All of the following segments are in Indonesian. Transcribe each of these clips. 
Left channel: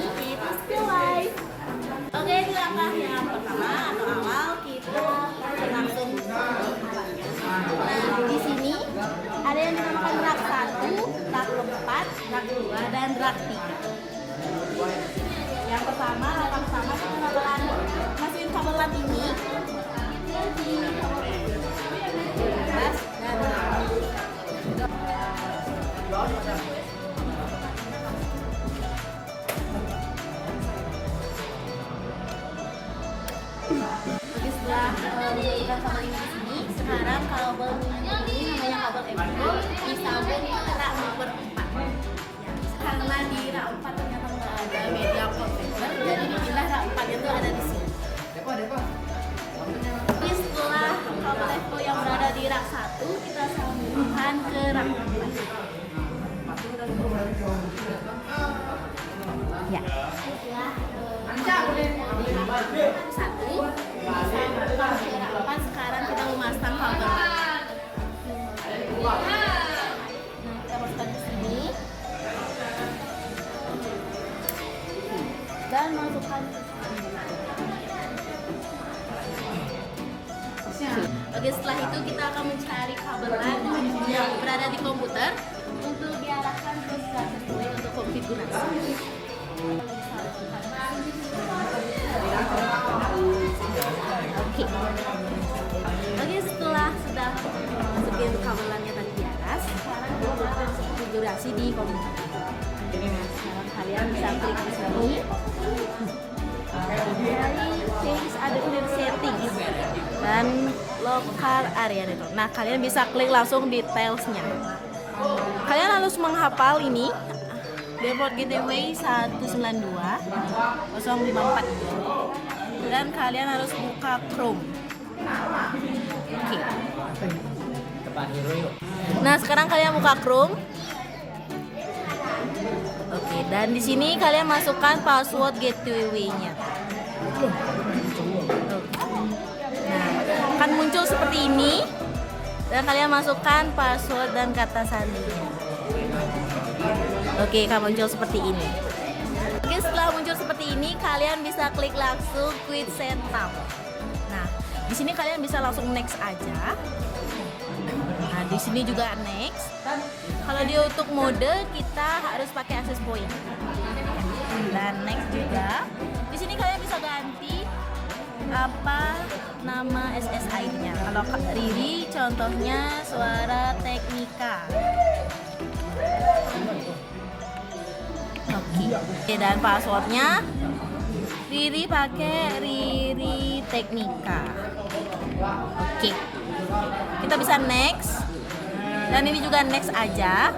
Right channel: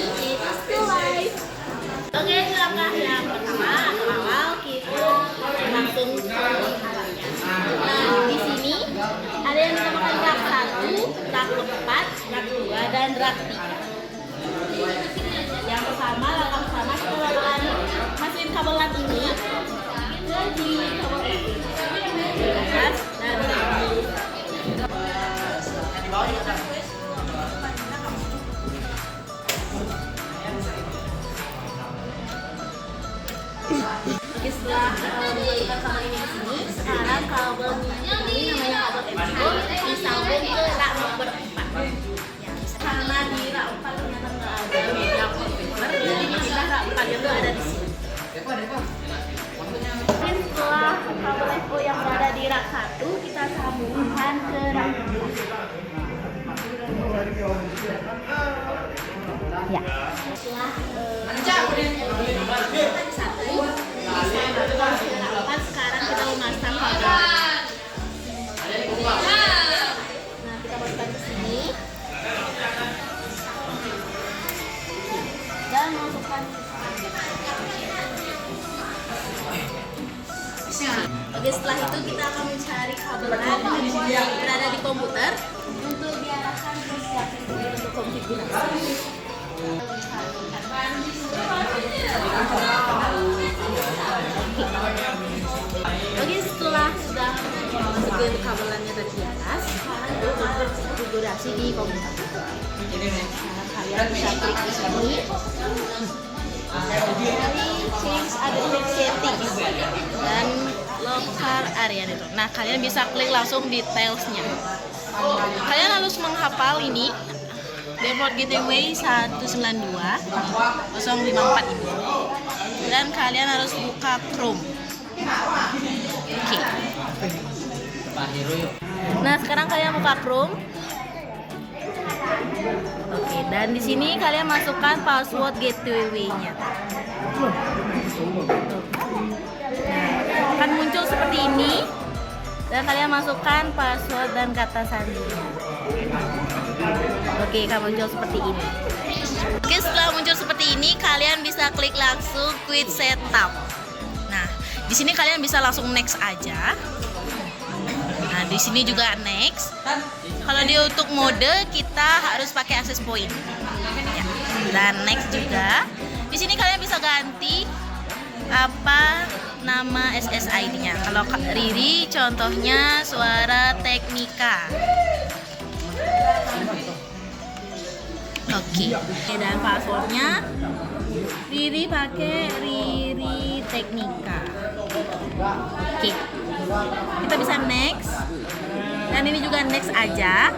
ini yaitu School Life. Oke, langkah yang pertama atau awal kita langsung ke alatnya. Nah, di sini ada yang dinamakan rak 1, rak 4, rak 2, dan rak 3. Yang pertama, langkah pertama kita bakalan masukin kabel LAN ini ke di kabel atas dan Oke, setelah memasukkan kabel ini di sini, sekarang kabel ini namanya kabel MCO disambung ke rak nomor 4. Karena di rak 4 ternyata nggak ada media converter, jadi dipindah rak 4 itu ada di sini. Oke, setelah kabel FO yang berada di rak 1 kita sambungkan ke rak 4. Ya. Setelah satu disambungkan ke rak 4, sekarang kita memasang kabel. Nah, kita masukkan ke sini dan masukkan. Oke, setelah itu kita akan mencari kabel LAN yang berada di komputer untuk diarahkan ke stasiun untuk konfigurasi. Oke, setelah sudah masukin kabel LAN-nya tadi di atas, sekarang kita akan konfigurasi di komputer. Sekarang kalian bisa klik di sini. Change adaptive settings dan local area itu. Nah, kalian bisa klik langsung detailsnya. Kalian harus menghafal ini default gateway 192.054 dan kalian harus buka Chrome. Oke. Nah, sekarang kalian buka Chrome. Oke, dan di sini kalian masukkan password gateway-nya. Akan muncul seperti ini. Dan kalian masukkan password dan kata sandinya. Oke, akan muncul seperti ini. Oke, setelah muncul seperti ini, kalian bisa klik langsung quit setup. Nah, di sini kalian bisa langsung next aja. Nah, di sini juga next. Kalau di untuk mode kita harus pakai access point. Ya. Dan next juga. Di sini kalian bisa ganti apa nama SSID-nya. Kalau Riri contohnya Suara Teknika. Oke. Dan passwordnya Riri pakai Riri Teknika. Oke. Kita bisa next. Dan ini juga next aja.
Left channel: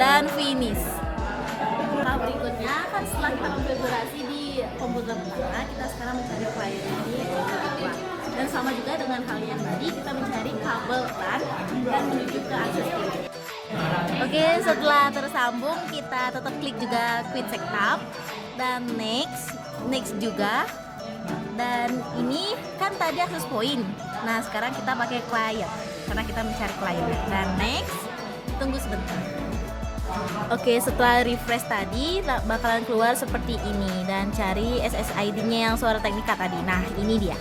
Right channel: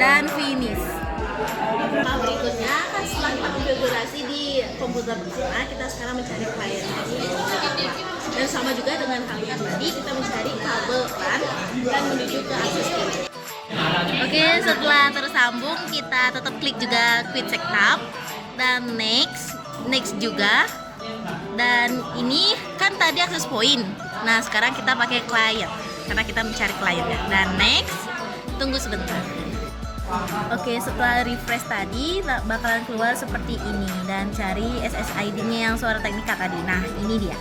Dan finish. Nah, berikutnya kan setelah kita konfigurasi di komputer kita, kita sekarang mencari klien ini apa. Dan sama juga dengan hal yang tadi, kita mencari kabel LAN dan menuju ke access point. Oke, setelah tersambung kita tetap klik juga quit setup dan next juga. Dan ini kan tadi access point. Nah, sekarang kita pakai client karena kita mencari kliennya. Dan next, tunggu sebentar. Oke, setelah refresh tadi bakalan keluar seperti ini dan cari SSID-nya yang Suara Teknika tadi. Nah, ini dia.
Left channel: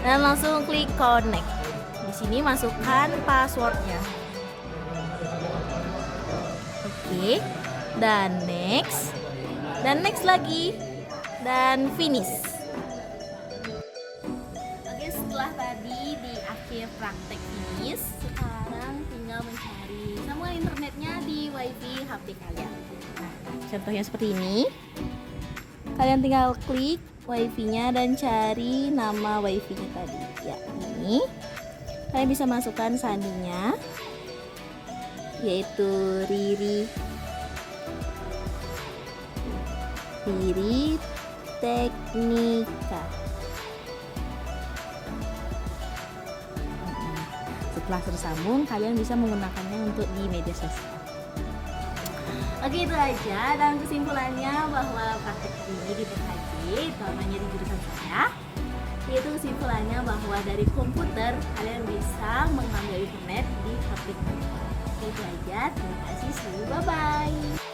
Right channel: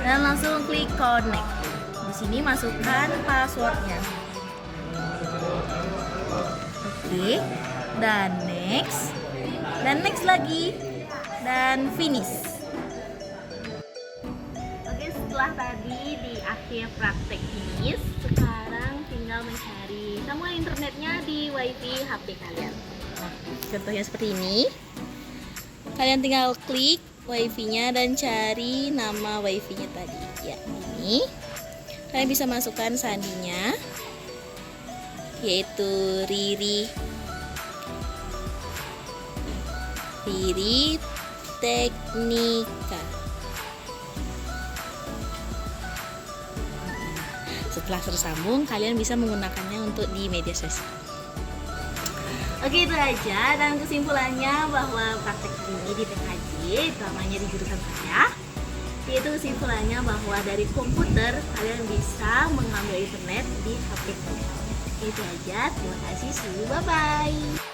Dan langsung klik connect. Di sini masukkan passwordnya. Oke. Dan next lagi dan finish. Oke, setelah tadi di akhir praktek finish, sekarang tinggal mencari sambungan internetnya di wifi HP kalian. Nah, contohnya seperti ini. Kalian tinggal klik wifi-nya dan cari nama wifi-nya tadi. Ya, ini. Kalian bisa masukkan sandinya, yaitu Riri Teknika. Setelah tersambung, kalian bisa menggunakannya untuk di media sosial. Oke, itu aja. Dan kesimpulannya bahwa praktek ini di TKJ, utamanya di jurusan saya, yaitu kesimpulannya bahwa dari komputer kalian bisa mengambil internet di HP kalian. Itu aja. Terima kasih. See you. Bye-bye.